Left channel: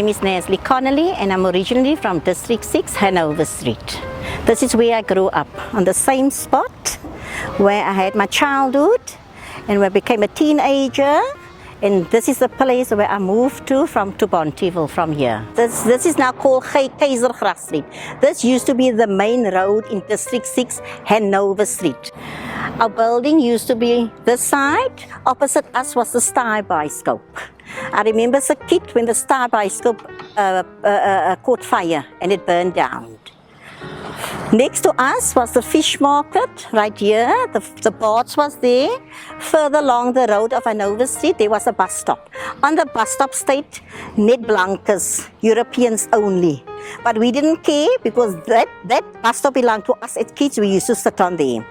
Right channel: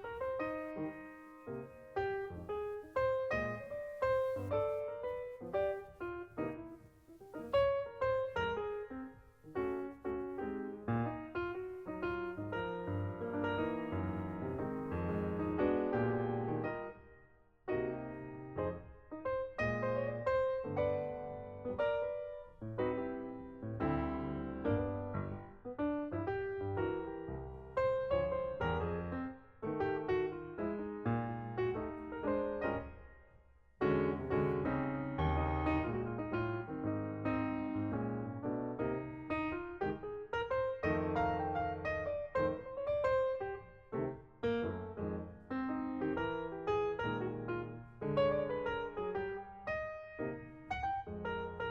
name is Neslie Connolly and I'm originally from District 6, Hanover Street. This is where I grew up, on the same spot where I had my childhood and where I became a teenager. And this is the place where I moved to Bonteheuwel from here. This is now called Keizergracht Street. This used to be the main road in District 6, Hanover Street. Our building used to be this side. Opposite us was the Star Bioscope. I remember as a kid when the Star Bioscope caught fire and it burned down. Next to us was the fish market right here. The boards was there. Further along the road of Hanover Street, there was a bus stop. On the bus stop state, net blankers, Europeans only. But we didn't care because that bus stop belonged to us as kids. We used to sit on there.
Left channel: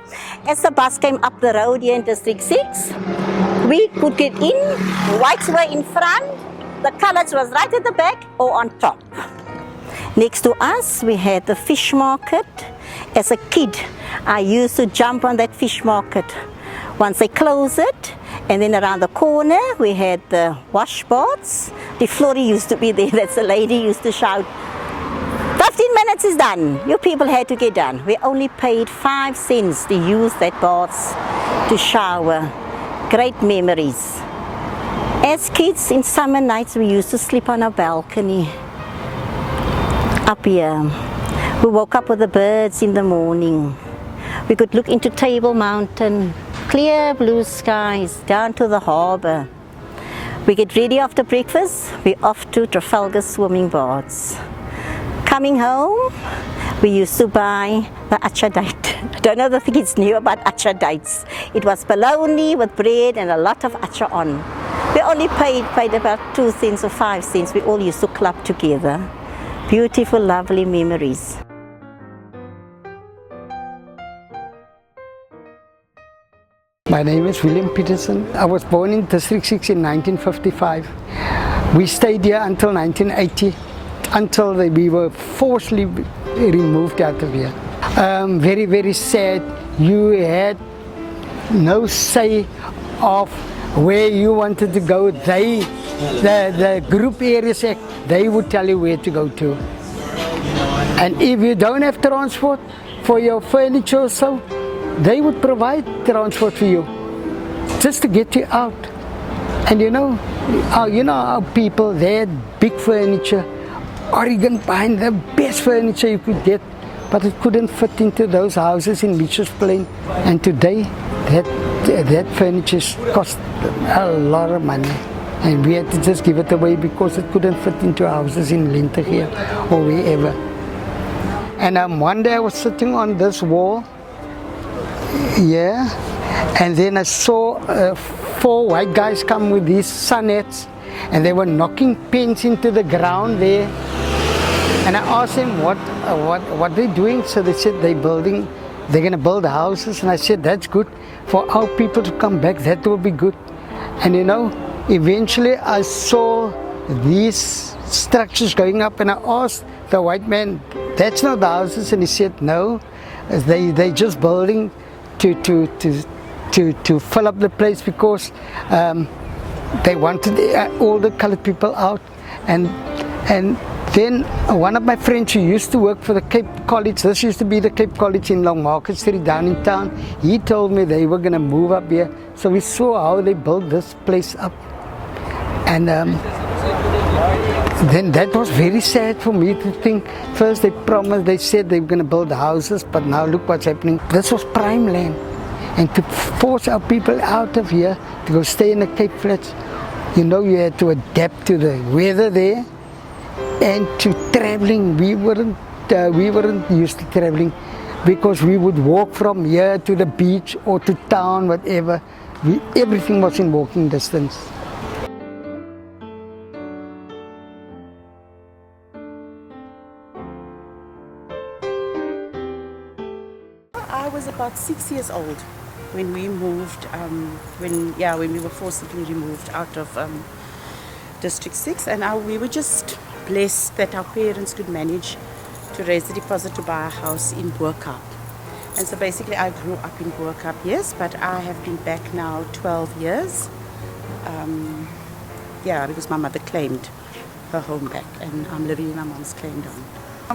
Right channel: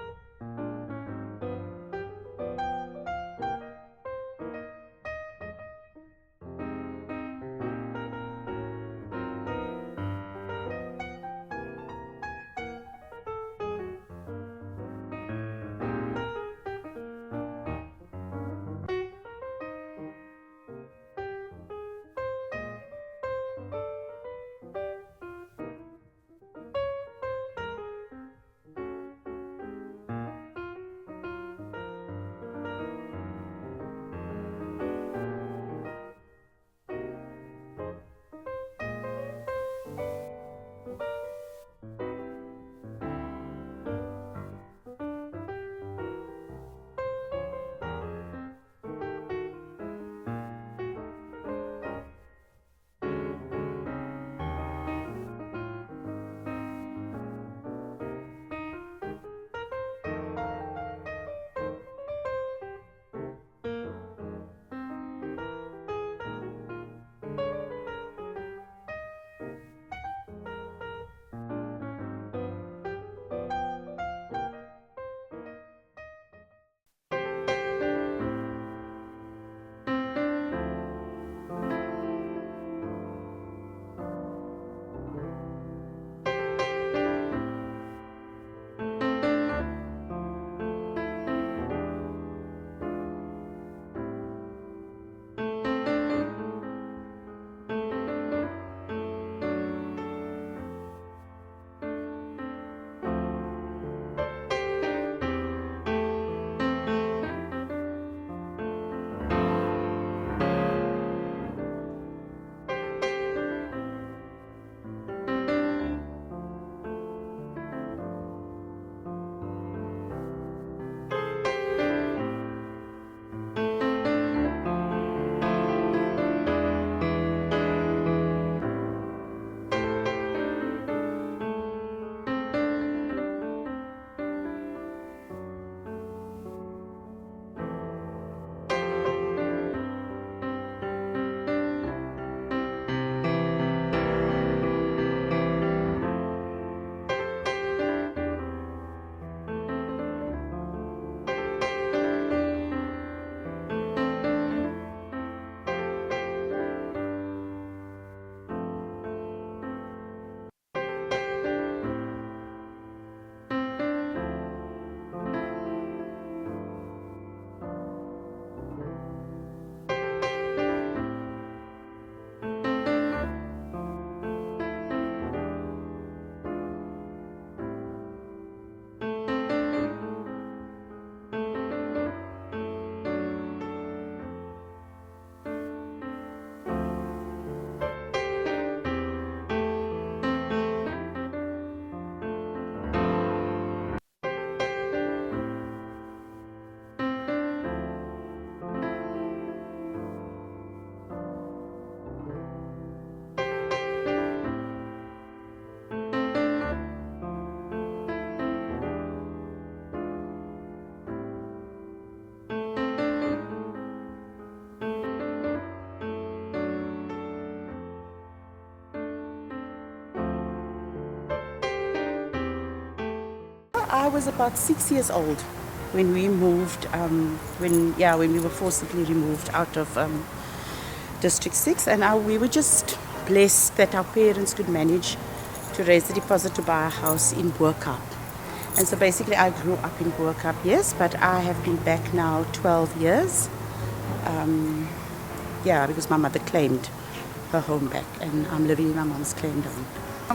As the bus came up the road here in District 6, we could get in. Whites were in front. The colours was right at the back or on top. Next to us, we had the fish market. As a kid, I used to jump on that fish market. Once they closed it, and then around the corner, we had the washboards. The Flory used to be there. That's the lady used to shout, 15 minutes is done. You people had to get done. We only paid 5 cents to use that baths to shower. Great memories. As kids, in summer nights, we used to sleep on our balcony. Up here, we woke up with the birds in the morning. We could look into Table Mountain, clear blue skies, down to the harbour. We get ready after breakfast, we're off to Trafalgar swimming baths. Coming home, we used to buy the achadite. I don't know if the kids knew about achadites. It was bologna with bread and a lot of acha on. We only paid about 2 cents or 5 cents. We all used to club together. Beautiful, lovely memories. My name is William Peterson. I was born in District 6 in 1955. We stayed here until 1980, until we were forcibly removed out of here. Very, very sad. You had no say of where you wanted to go. The group areas act, they would tell you where to go to. And if you don't have transport for your furniture or so, they would provide transport for you just to get you out. And you know our people, they had big furniture, Oregon pine, the best furniture you could get, but it couldn't fit into those houses in Mitchell's Plain. And today, that furniture cost a lot of money. And we had to just give it away because it couldn't fit into houses in Lentegeur or wherever. And one day I was sitting on this wall, yeah, and then I saw 4 white guys come with these sun hats, and they were knocking pins into the ground there. And I asked them what they're doing. So they said they're going to build houses. And I said, that's good for our people to come back. That will be good. And you know, eventually I saw these structures going up, and I asked the white man, that's not the houses? And he said, no, they just building to fill up the place because they wanted all the colored people out. And then one of my friends who used to work for the Cape College, this used to be the Cape College in Long Market Street down in town, he told me they were going to move up here. So we saw how they built this place up. And then that was very sad for me to think. First they promised, they said they were going to build houses, but now look what's happening. This was prime land. And to force our people out of here to go stay in the Cape Flats, you know, you had to adapt to the weather there. And to traveling, we weren't used to traveling because we would walk from here to the beach or to town, whatever. Everything was in walking distance. I was about 6 years old when we moved, when we were forcibly removed out of District 6, and we were just blessed that our parents could manage to raise the deposit to buy a house in Boerkaap. And so basically I grew up in Boerkaap, yes, but I have been back now 12 years. Because my mother claimed her home back, and I'm living in my mom's claim down.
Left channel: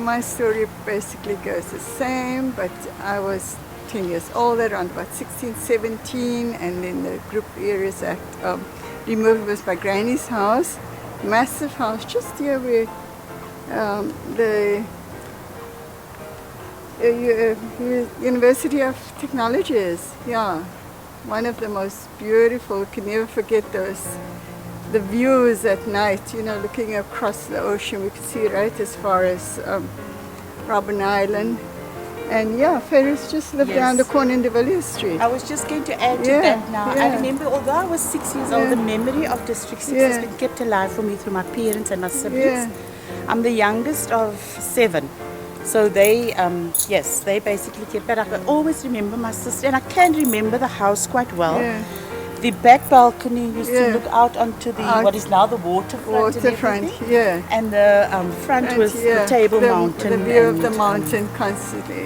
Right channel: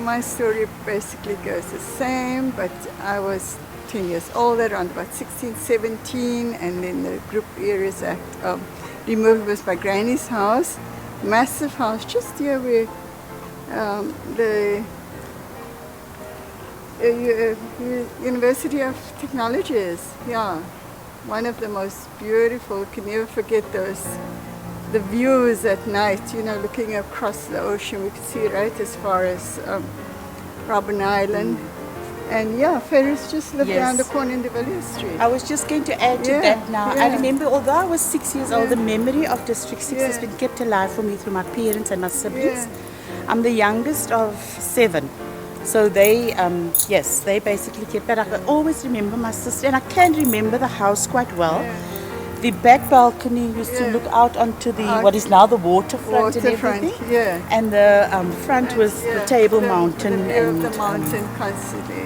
My story basically goes the same, but I was 10 years older, around about 16, 17, and then the Group Areas Act removed was my granny's house, massive house, just here where the University of Technology is, yeah. One of the most beautiful, you can never forget the views at night, you know, looking across the ocean. We could see right as far as Robben Island. And yeah, Ferris just lived around the corner in De Villiers Street. I was just going to add to that now. I remember, although I was 6 years old, the memory of District 6 has been kept alive for me through my parents and my siblings. I'm the youngest of 7. So they, they basically kept, but I can always remember my sister, and I can remember the house quite well. The back balcony used to look out onto the, what is now the waterfront and everything. And the front was the Table Mountain. The view of the mountain constantly,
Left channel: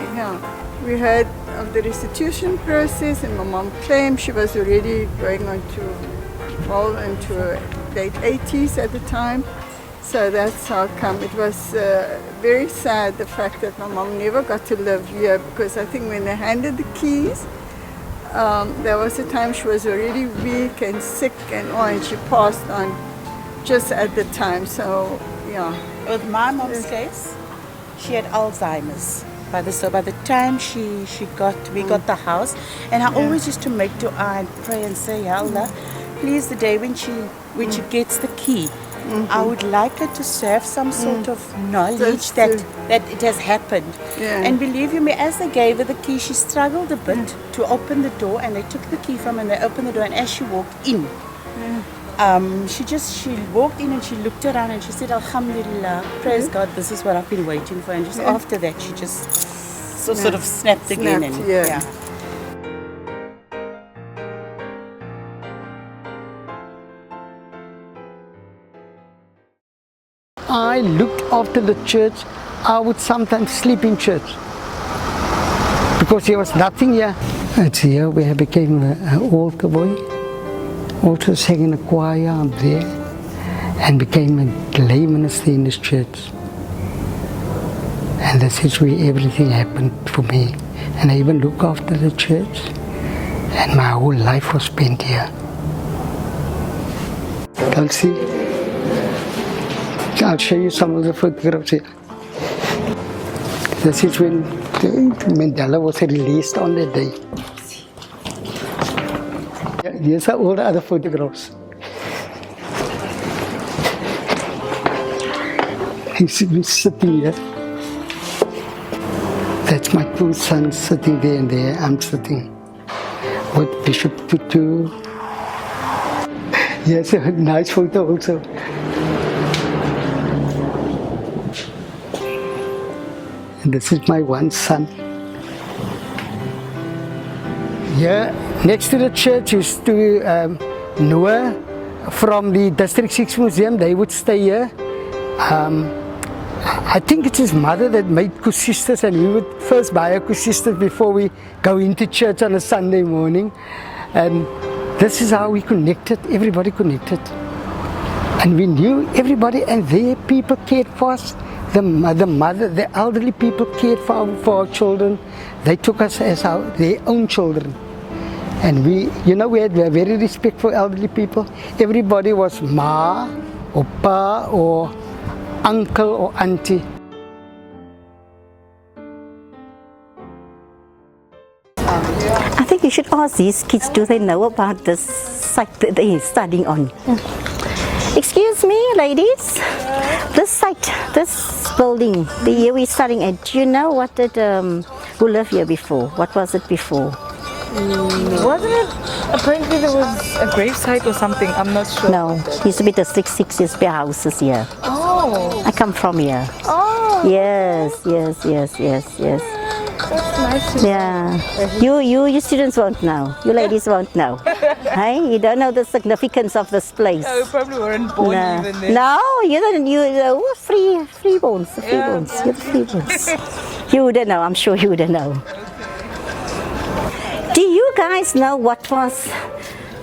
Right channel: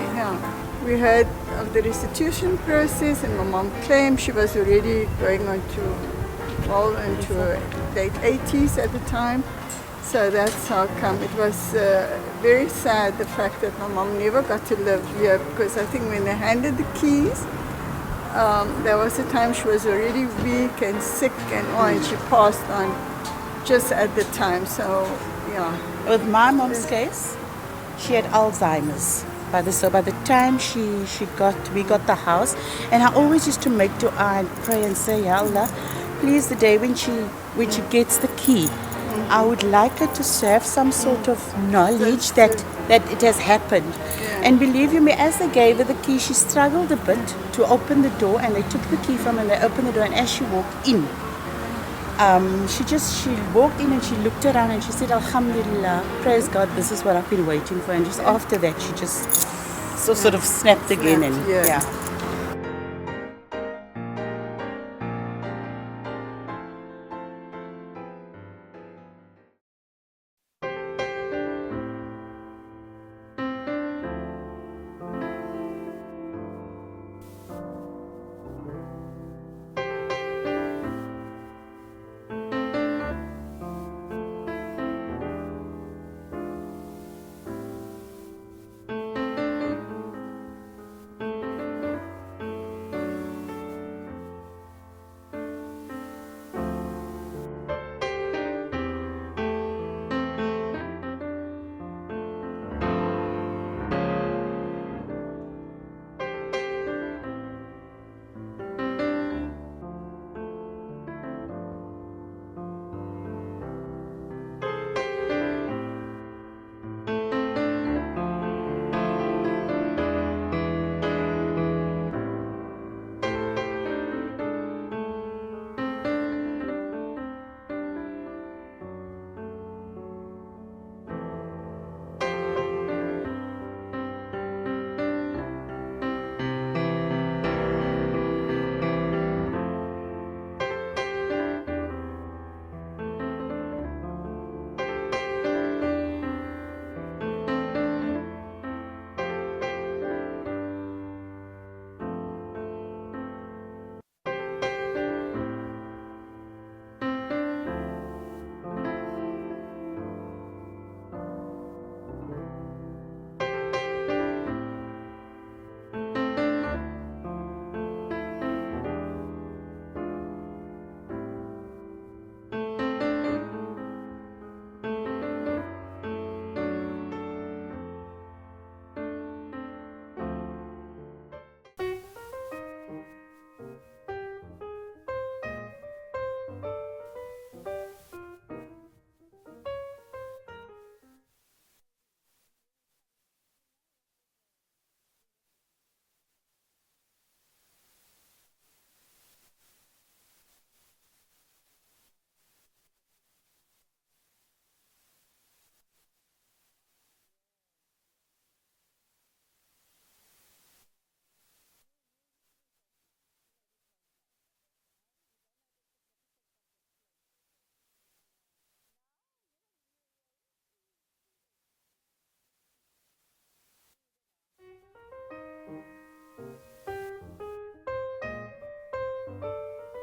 We heard of the restitution process, and my mom claimed she was already going on to, into her late 80s at the time. So that's how come. It was very sad, the fact that my mom never got to live here, because I think when they handed the keys, there was a time she was already weak and sick and she passed on just at the time. So, yeah. With my mom's case, she had Alzheimer's. By the time we got the house, and I always used to make dua and pray and say, Ya Allah, please, the day when she gets the key, I would like her to have some sort of knowledge that it has happened. And believe you me, as they gave her the key, she struggled a bit to open the door, and they took the key from her and they opened the door, and as she walked in, she walked in and she looked around and she said, Alhamdulillah, praise God, this is what I've been waiting for. And just after that, she just sort of snapped again. I looked after the church. I would sometimes sleep in church because there was nothing here. It's here where I became an altar boy. Also sang in a choir up there and became a lay minister in this church. And this is where everything happened for me. And I even look after the church, and my whole life was spent here. I'll see. I'll show you some of the photographs here. This is when Mandela was released on that day. These are all the other photographs. He's sitting here. That's my 2 sons sitting there, and there I'm sitting with Bishop Tutu. Yes, a nice photo also. And this is my 1 son. Here, next to the church used to Noah from the District 6 Museum. They would stay here. I think it's his mother that made kusistas, and we would first buy a kusistas before we go into church on a Sunday morning. And this is how we connected, everybody connected. And we knew everybody, and their people cared for us. The mother, the elderly people cared for our children. They took us as their own children. And we had very respect for elderly people. Everybody was ma, or pa, or uncle, or auntie. I think you should ask these kids, do they know about this site that they're studying on? Excuse me, ladies. This site, this building, the year we're studying at, do you know what did, who lived here before? What was it before? Wasn't it? Apparently there was a grave site or something. I'm not sure. No, it used to be District 6, used to be houses here. Oh. I come from here. Oh. Yes. That's nice to know. You students won't know. You ladies won't know. Hey, you don't know the significance of this place. Oh, you probably weren't born even then. No, you're freeborns. You're the freeborns. You wouldn't know. I'm sure you wouldn't know. Do you guys know what was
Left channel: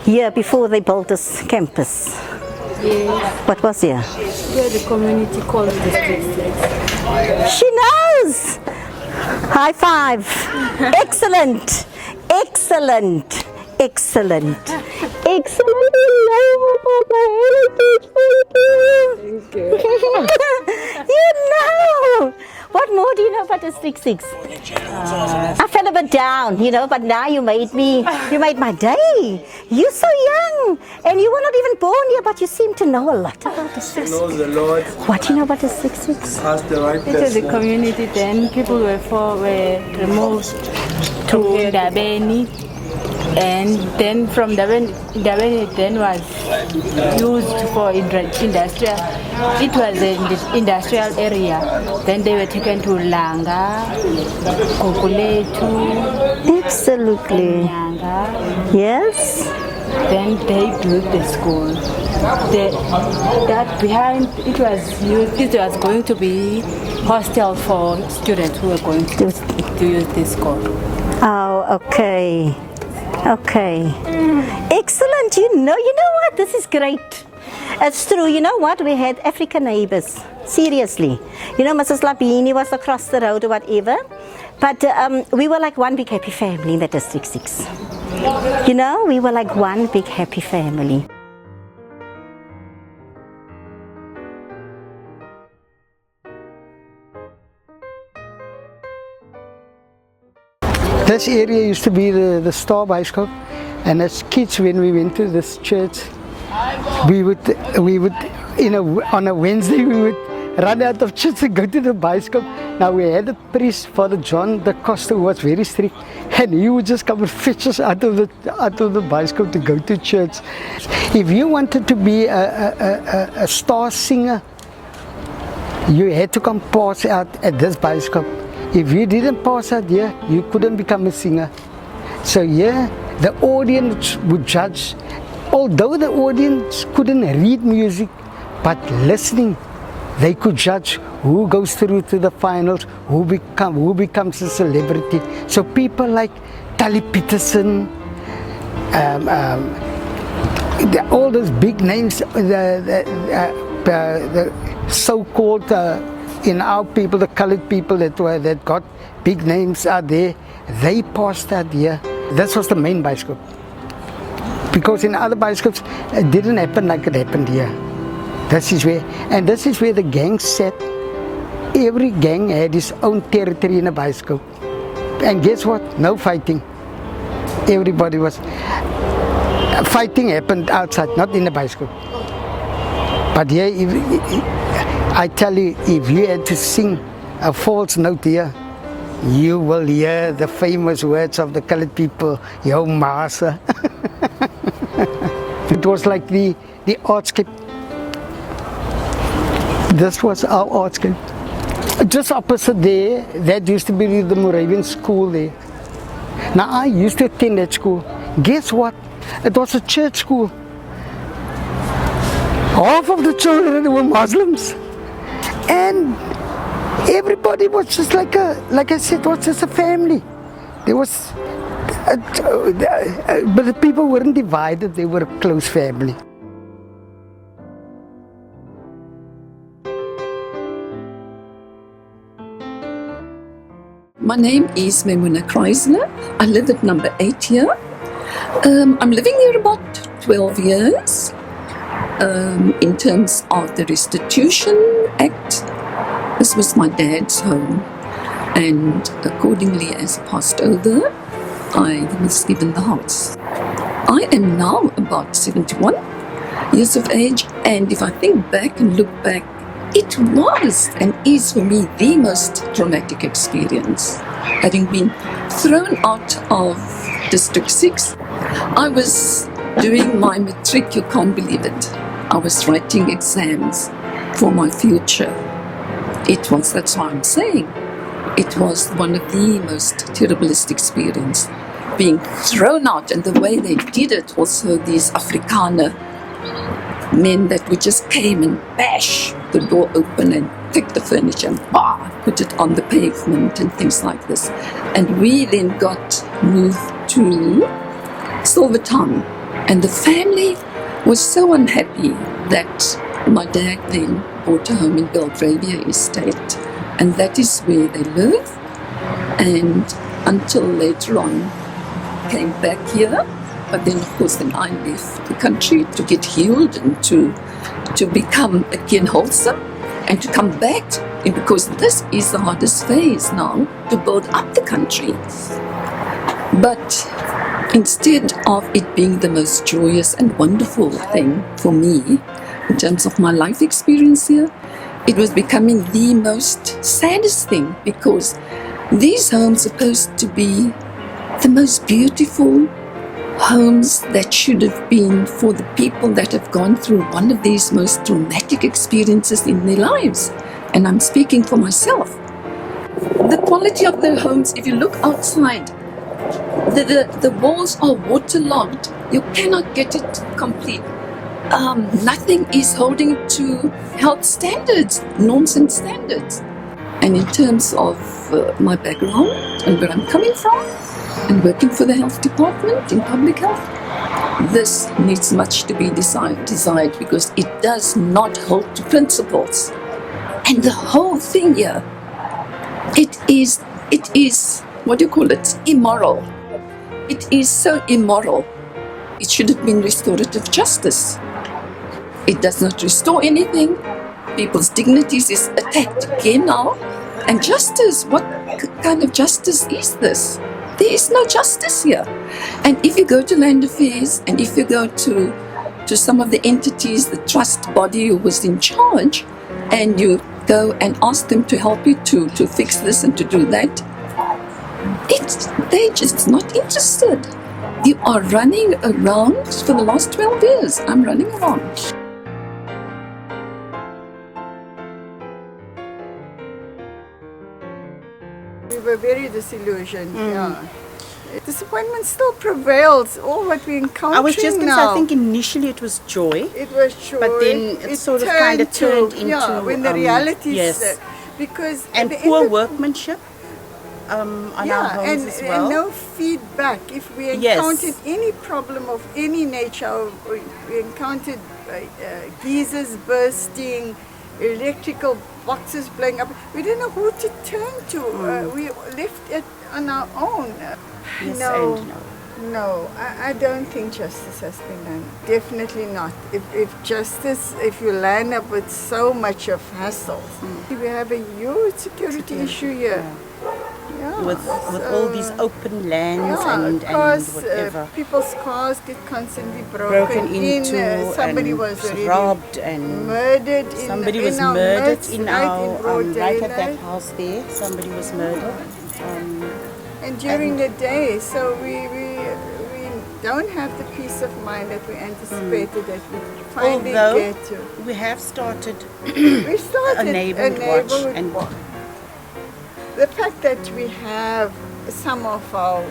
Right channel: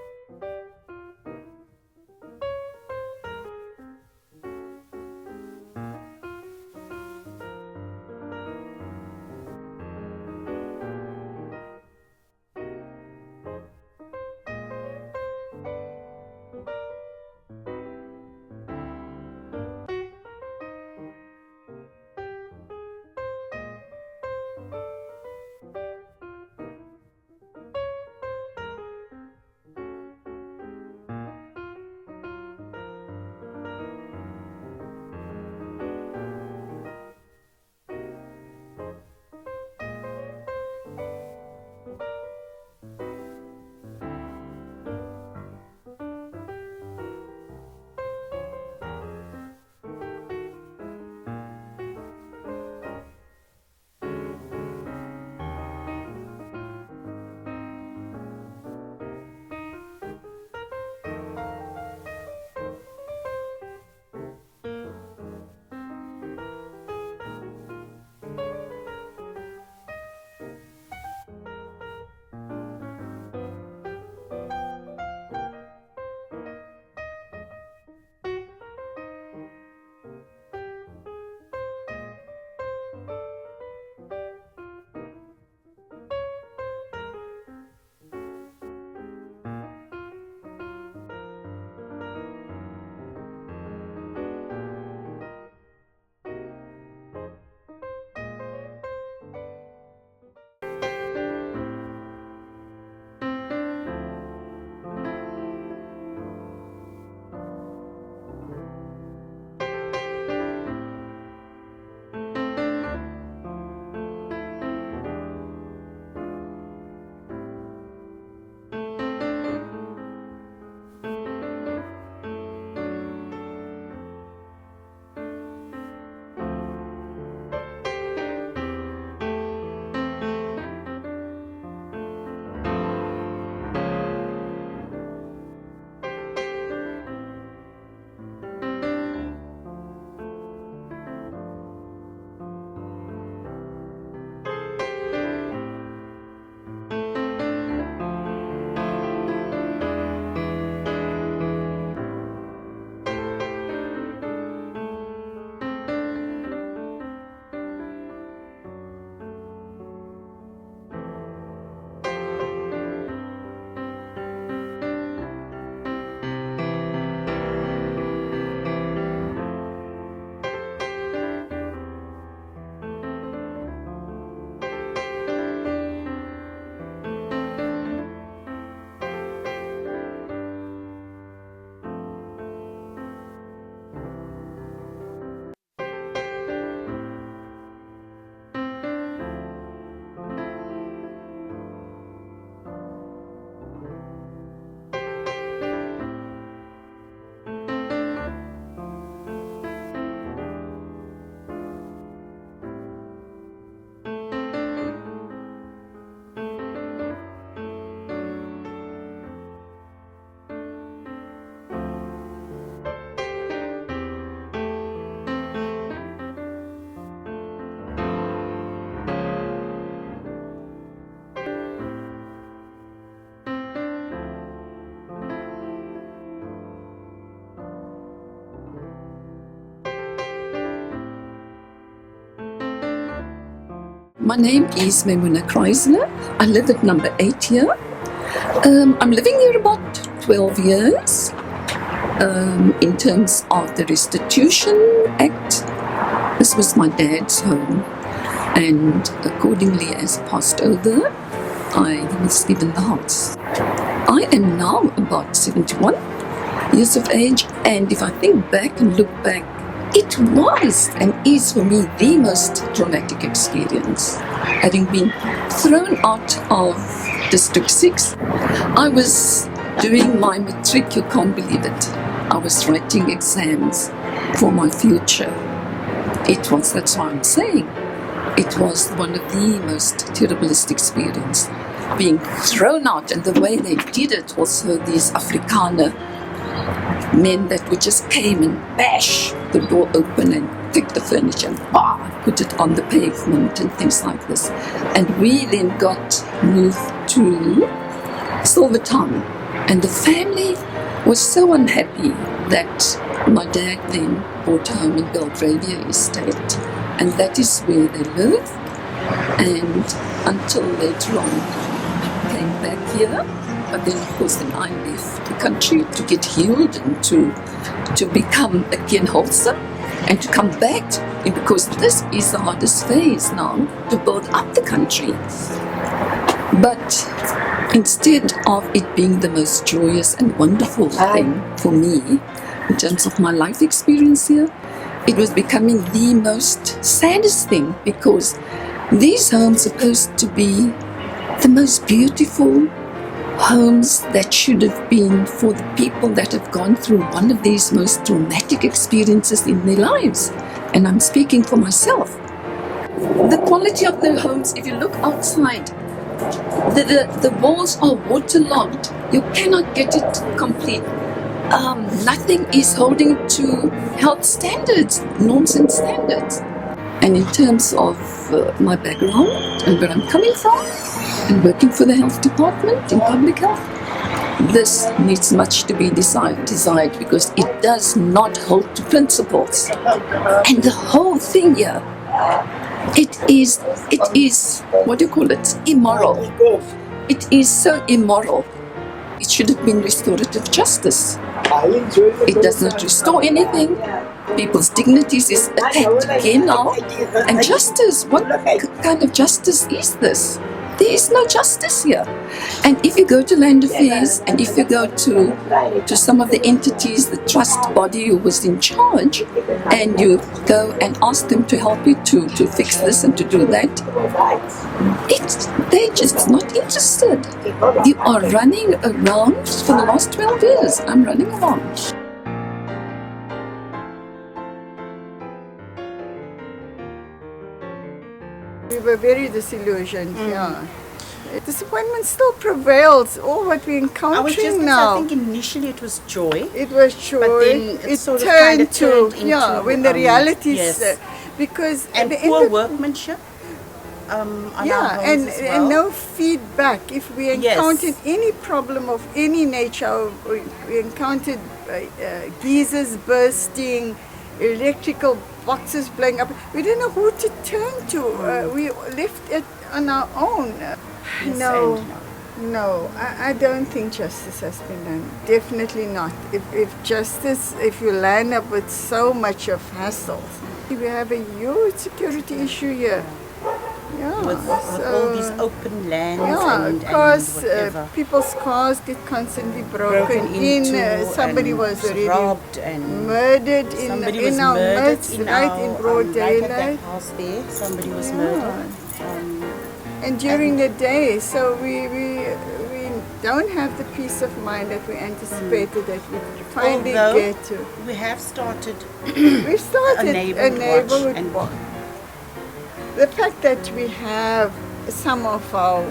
here before they built this campus? Yes. What was here? Where the community calls District 6. She knows! High five! Excellent! Excellent! Excellent! Excellent! You know! What more do you know about District 6? I fell a bit down, but now you made my day. You're so young, and you were not even born here, but you seem to know a lot about District 6. Knows the Lord. What do you know about District 6? Ask the right It was a person. community then. People were removed to Dabeni. And then from Dabeni then was used for industrial. It was an industrial area. Then they were taken to Langa, Kokuletu, Absolutely. Nyanga. Yes? Then they built the school. That behind it was going to be hostel for students who were going to use this school. Oh, okay. Okay. Excellent. You know what? This is great. It's true. You know what? We had African neighbors. Seriously. Mrs. Labini was across the road or whatever. But we were like one big happy family in the District 6. We were like one big happy family. This area used to be the Star Bioscope, and as kids when we went to this church, we would on a Wednesday we would run out of church and go to the Bioscope. Now we had a priest, Father John da Costa, who was very strict, and he would just come and fetch us out of the Bioscope to go to church. If you wanted to be a star singer, you had to come pass out at this Bioscope. If you didn't pass out here, you couldn't become a singer. So here, the audience would judge. Although the audience couldn't read music, but listening, they could judge who goes through to the finals, who becomes a celebrity. So people like Tally Peterson, all those big names, the so-called in our people, the colored people that got big names out there, they passed out here. This was the main Bioscope. Because in other Bioscopes, it didn't happen like it happened here. This is where the gangs sat. Every gang had its own territory in a Bioscope. And guess what? No fighting. Everybody was... Fighting happened outside, not in the Bioscope. But here, I tell you, if you had to sing a false note here, you will hear the famous words of the colored people, "Yo Masa." It was like the artscape. This was our artscape. Just opposite there, that used to be the Moravian school there. Now I used to attend that school. Guess what? It was a church school. Half of the children were Muslims. And everybody was just like I said, was just a family. There was, but the people weren't divided, they were a close family. My name is Memuna Kreisler. I live at number 8 here. I'm living here about 12 years. In terms of the Restitution Act, this was my dad's home, and accordingly, as he passed over, I was given the house. I am now about 71 years of age, and if I think back and look back, it was and is for me the most traumatic experience. Having been thrown out of District 6, I was doing my matric, you can't believe it. I was writing exams for my future. That's why I'm saying, it was one of the most terriblest experience. Being thrown out, and the way they did it, also these Afrikaner men that would just came and bash the door open and take the furniture and put it on the pavement and things like this. And we then got moved to Silvertown, and the family was so unhappy that my dad then bought a home in Belgravia Estate, and that is where they live. And until later on, came back here. But then, of course, then I left the country to get healed and to become again wholesome and to come back. And because this is the hardest phase now, to build up the country. But instead of it being the most joyous and wonderful thing for me, in terms of my life experience here, it was becoming the most saddest thing, because these homes are supposed to be the most beautiful homes that should have been for the people that have gone through one of these most traumatic experiences in their lives. And I'm speaking for myself. The quality of the homes, if you look outside, the walls are waterlogged. You cannot get it complete. Nothing is holding to health standards, norms and standards. And in terms of my background and where I'm coming from, and working for the health department in public health, this needs much to be desired because it does not hold to principles. And the whole thing here, it is, what do you call it, immoral. It is so immoral. It should have been restorative justice. It does not restore anything. People's dignities is attacked again now. And justice, what kind of justice is this? There is no justice here. And if you go to Land Affairs and if you go to some of the entities, the trust body who was in charge, and you go and ask them to help you to fix this and to do that, they're just not interested. You are running around for the last 12 years. I'm running around. We were very disillusioned, yeah. Disappointment still prevails, all what we're encountering I was just going to say, now. I think initially it was joy. It was joy. But then it sort of kind of turned into... Yeah, when the realities... Yes. Because And at the poor end of, workmanship on our yeah, homes as well. and no feedback. If we Yes. encountered any problem of any nature, we encountered geysers bursting, electrical boxes blowing up, we didn't know who to turn to. We left it on our own. Yes No. and no. No, I don't think justice has been done. Definitely not. If you line up with so much of hassles, we have a huge security issue here. Yeah, With so, all these open lands yeah, and cars, whatever. people's cars get constantly broken into somebody and was already robbed and murdered in, somebody in was our murdered midst, in right our in broad right at that daylight. house there. Somebody was murdered. And during the day, so we don't have the peace of mind that we anticipated that we finally Although get to. we have started We started a neighborhood watch watch. The fact that we have some of our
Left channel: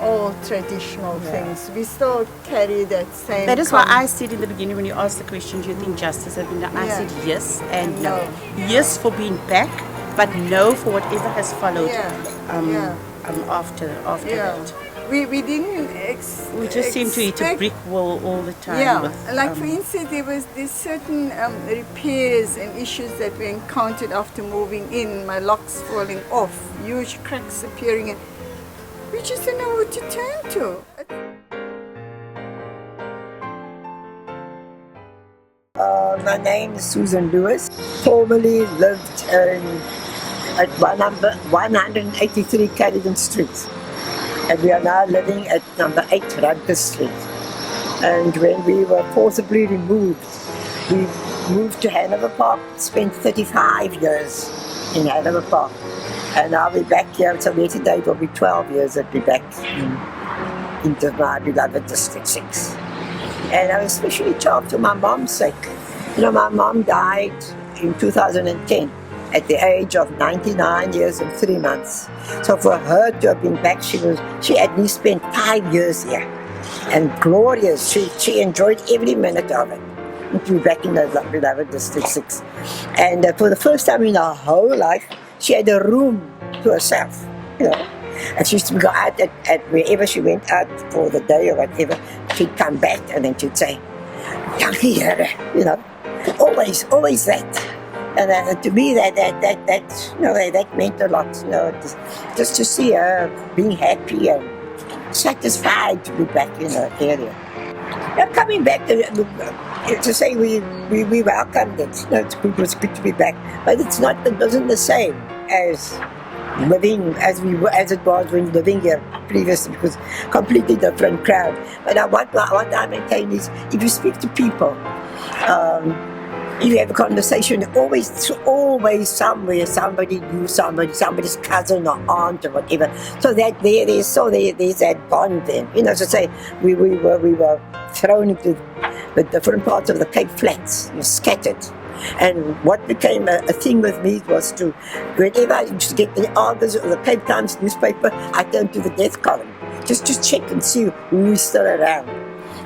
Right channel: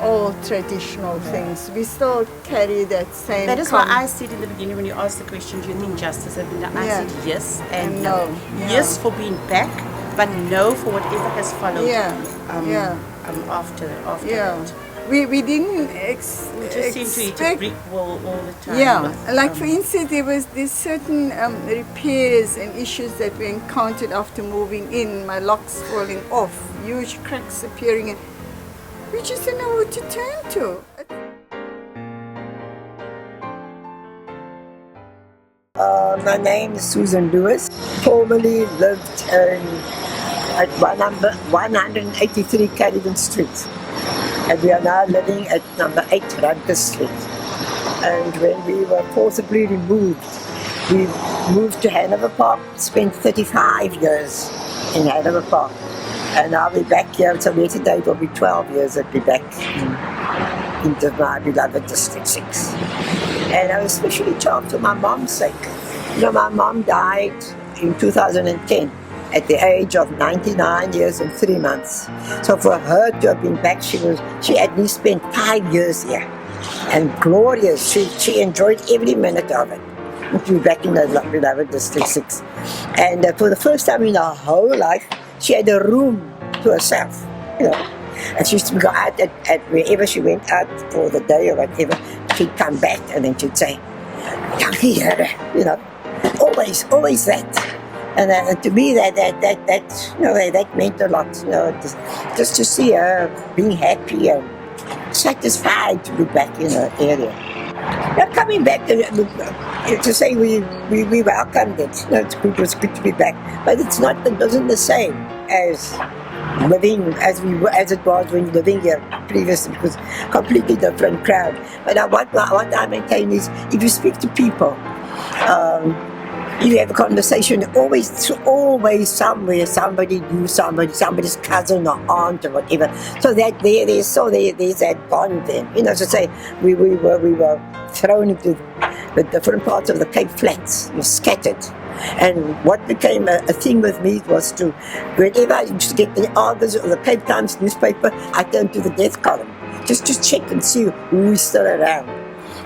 old traditional things, we still carry that same. That is why I said in the beginning when you asked the question, do you think justice has been done? I Yeah. said yes and And no. no. Yeah. Yes for being back, but no for whatever has followed after Yeah. that. We didn't We just seem to hit a expect- brick wall all the time. Yeah, with, like for instance, there was this certain repairs and issues that we encountered after moving in. My locks falling off, huge cracks appearing, and we just didn't know who to turn to. My name is Susan Lewis. Formerly lived at 183 Caledon Street. And we are now living at number 8 Rutgers Street. And when we were forcibly removed, we moved to Hanover Park, spent 35 years in Hanover Park. And now we're back here, so yesterday it will be 12 years that we're back into my beloved District 6. And I was especially charmed for my mom's sake. You know, my mom died in 2010. At the age of 99 years and 3 months. So for her to have been back, she at least spent 5 years here. And glorious, she enjoyed every minute of it. To be back in the beloved District 6. And for the first time in her whole life, she had a room to herself, you know. And she used to go out at wherever she went out for the day or whatever, she'd come back and then she'd say, dankie Here, you know, always that. And to me, that meant a lot. You know, just to see her being happy and satisfied to be back in her area. Now coming back to say we welcomed it. You know, it was good to be back, but it wasn't the same as living as it was when living here previously, because completely different crowd. But what I maintain is, if you speak to people, you have a conversation, always somewhere somebody knew somebody's cousin or aunt or whatever. So that there's that bond then. You know, to say we were thrown into the different parts of the Cape Flats, scattered. And what became a thing with me was to, whenever I used to get the Argus or the Cape Times newspaper, I turned to the death column just to check and see who is still around.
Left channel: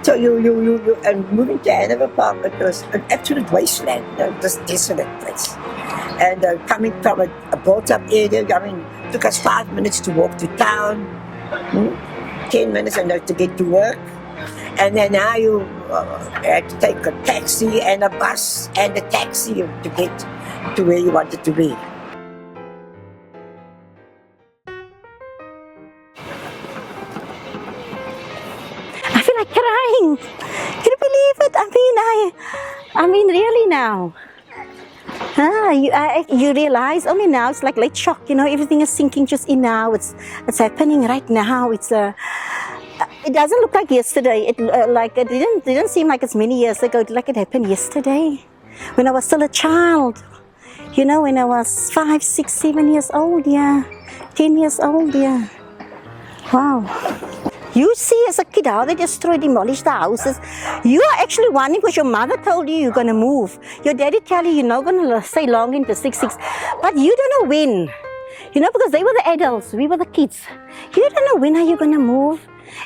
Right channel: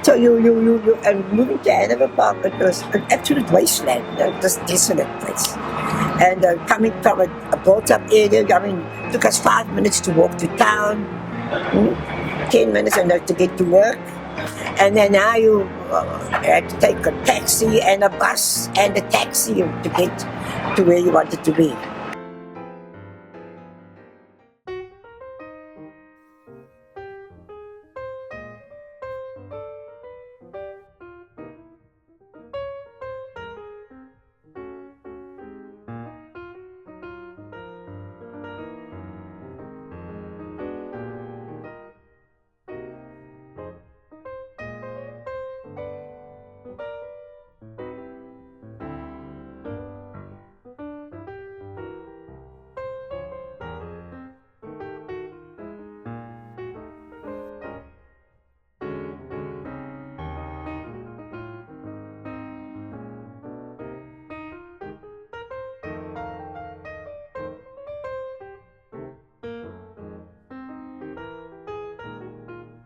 So and moving to Hanover Park, it was an absolute wasteland, you know, just desolate place. And coming from a built-up area, I mean, it took us 5 minutes to walk to town, 10 minutes to get to work. And then now you had to take a taxi and a bus and a taxi to get to where you wanted to be. I feel like crying. Can you believe it? I mean, really now. You realize only now, it's like late shock, you know, everything is sinking just in now. It's happening right now. It doesn't look like yesterday. It didn't seem like it's many years ago. Like it happened yesterday, when I was still a child. You know, when I was 5, 6, 7 years old, 10 years old, Wow. You see, as a kid, how they demolish the houses. You are actually wondering because your mother told you you're going to move. Your daddy tell you you're not going to stay long in District 6. But you don't know when. You know, because they were the adults, we were the kids. You don't know when are you going to move.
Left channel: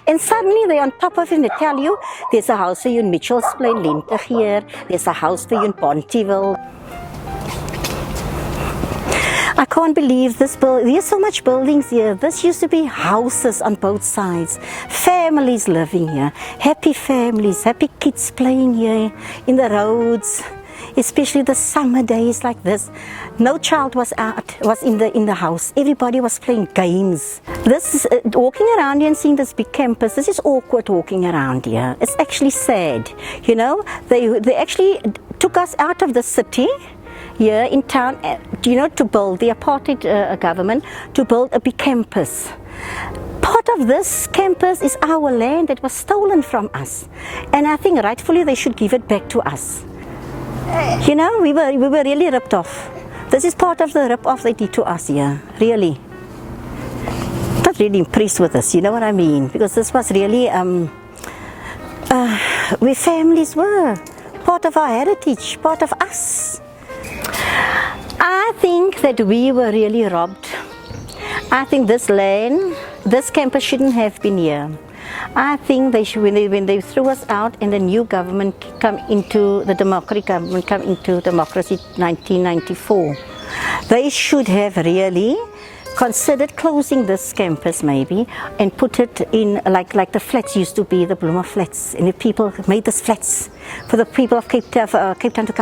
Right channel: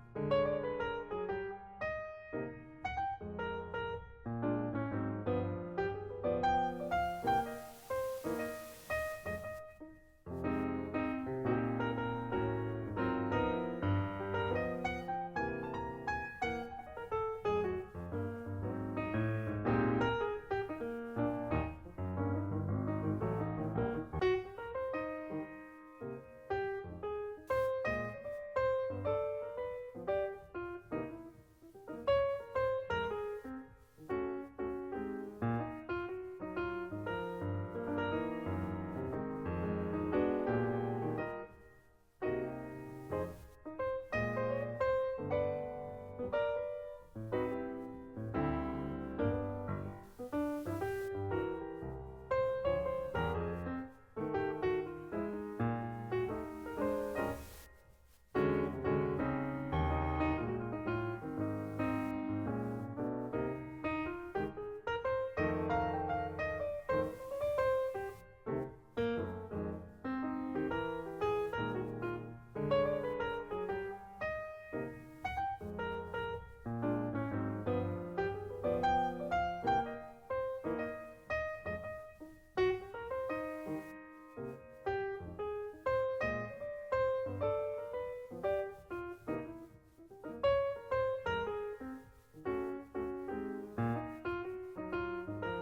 And suddenly they're on top of it and they tell you, there's a house for you in Mitchell's Plain, Linter here. There's a house for you in Pontyville. I can't believe this there's so much buildings here. This used to be houses on both sides. Families living here. Happy families, happy kids playing here in the roads. Especially the summer days like this. No child was in the house. Everybody was playing games. This is walking around here and seeing this big campus. This is awkward walking around here. It's actually sad. You know, they actually took us out of the city here in town, you know, to build the apartheid government, to build a big campus. Part of this campus is our land that was stolen from us. And I think rightfully they should give it back to us. You know, we were really ripped off. This is part of the rip-off they did to us here, really. Not really impressed with this, you know what I mean? Because this was really where families were, part of our heritage, part of us. I think that we were really robbed. I think this land, this campus shouldn't have been here. I think they should, when they threw us out and the new government the democratic government come into democracy 1994, they should have really considered closing this campus maybe and put it in like the flats used to be, the Bloomer flats, and the people made this flats for the people of Cape Town to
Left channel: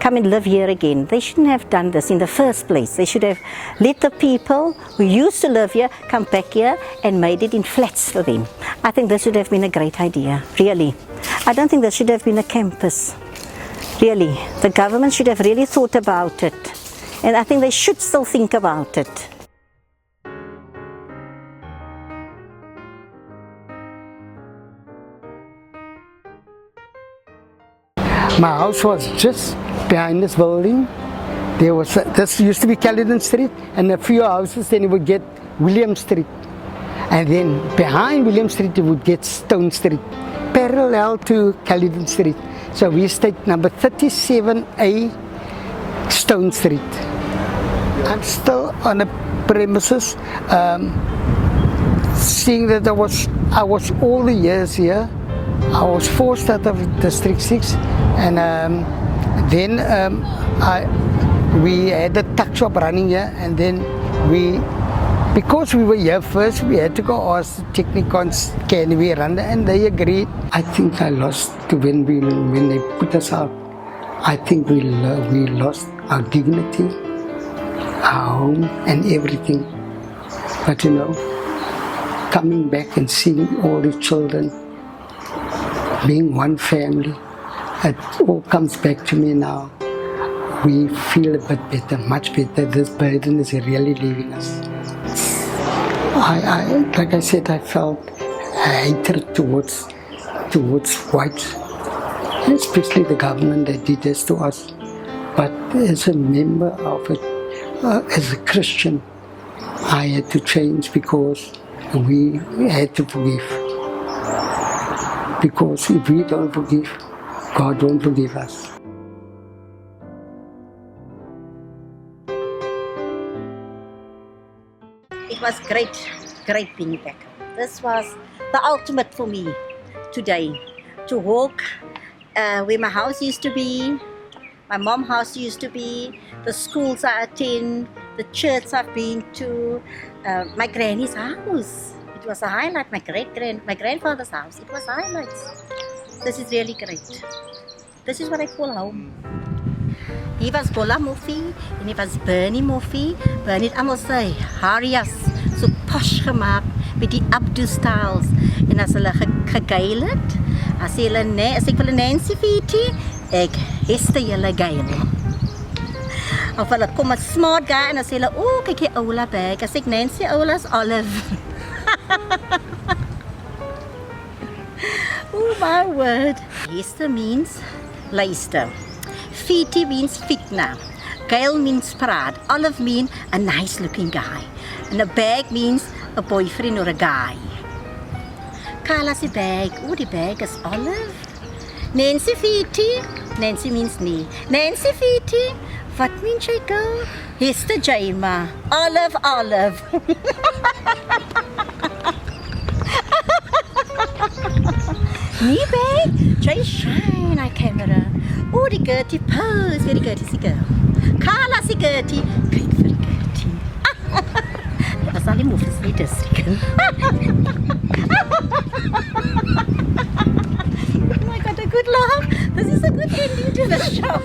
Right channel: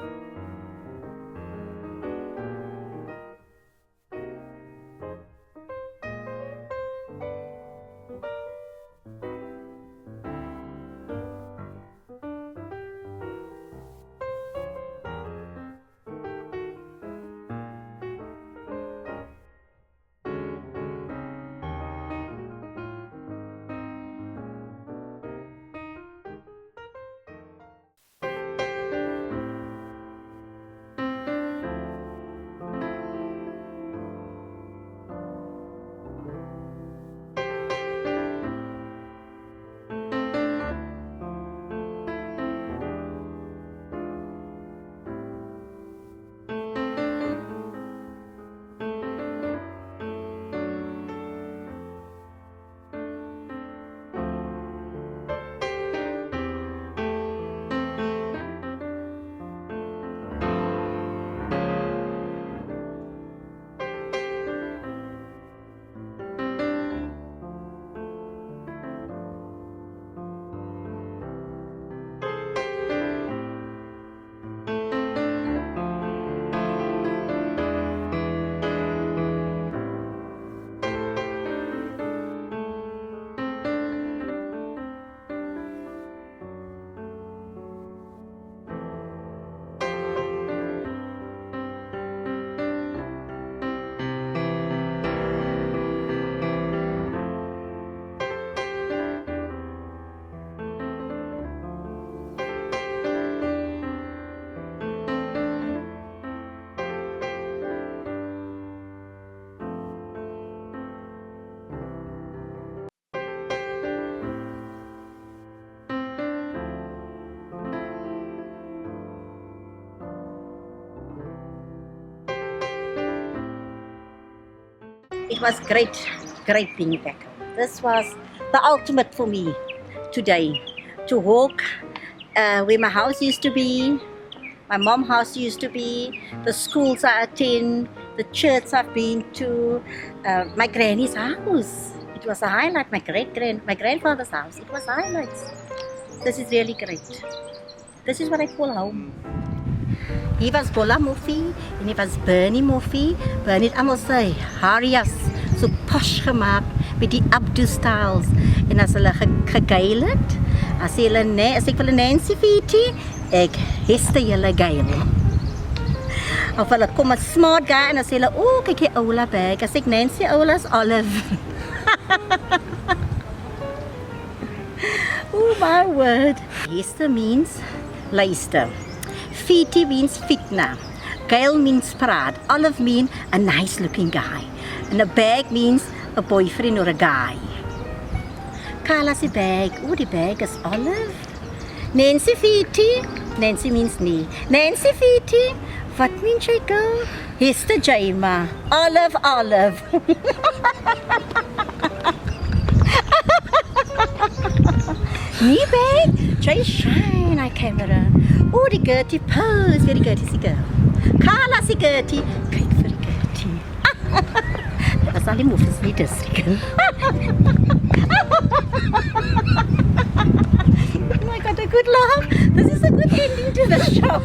come and live here again. They shouldn't have done this in the first place. They should have let the people who used to live here come back here and made it in flats for them. I think this should have been a great idea, really. I don't think there should have been a campus, really. The government should have really thought about it, and I think they should still think about it. My house was just behind this building. There was this used to be Caledon Street, and a few houses. Then you would get William Street, and then behind William Street you would get Stone Street, parallel to Caledon Street. So we stayed number 37A, Stone Street. I'm still on the premises. Seeing that I was all the years here. I was forced out of District 6, and then we had a tuck shop running here, and then we Because we were here first, we had to go ask the technicons, can we run, and they agreed. I think I lost when they put us out. I think we lost our dignity, our home, and everything. But you know, coming back and seeing all the children being one family, it all comes back to me now. We feel a bit better, much better. This burden is really leaving us. Like I said, I felt hatred towards whites, especially the government that did this to us. But as a member of it, as a Christian, I had to change because we had to forgive. Because if we don't forgive, God won't forgive us. It was great being back. This was the ultimate for me today. To walk where my house used to be, my mom's house used to be, the schools I attend, the church I've been to, my granny's house. It was a highlight. My grandfather's house. It was highlights. This is really great. This is what I call home. Hier was Bolla Moffie en hier was Bernie Moffie. Bernie het allemaal sy harjas so posh gemaakt met die Abdu-styles. En as hulle gegeil het, as ek wil Nancy Viti, ek heste julle geil. Of hulle kom 'n smart guy en as hulle, oh kyk die Oula bag, as ek Nancy Oula's Olive. Oh my word. Heste means luister. Fiti means fitna. Gail means praat. Olive means a nice looking guy. And a bag means a boyfriend or a guy. Carla's bag. Oh, the bag is Olive. Nancy Fiti. Nancy means nee. Nancy Fiti. What means jy girl? Hester Jaima. Olive. Nee bag. Jy shine our camera. Oh, die Gertie pose. Very Gertie is die girl. Carla is die Gertie. Kyk vir die Gertie. Dit was al die moefes nie district. Oh my God, a good laugh. This is a good ending to the show.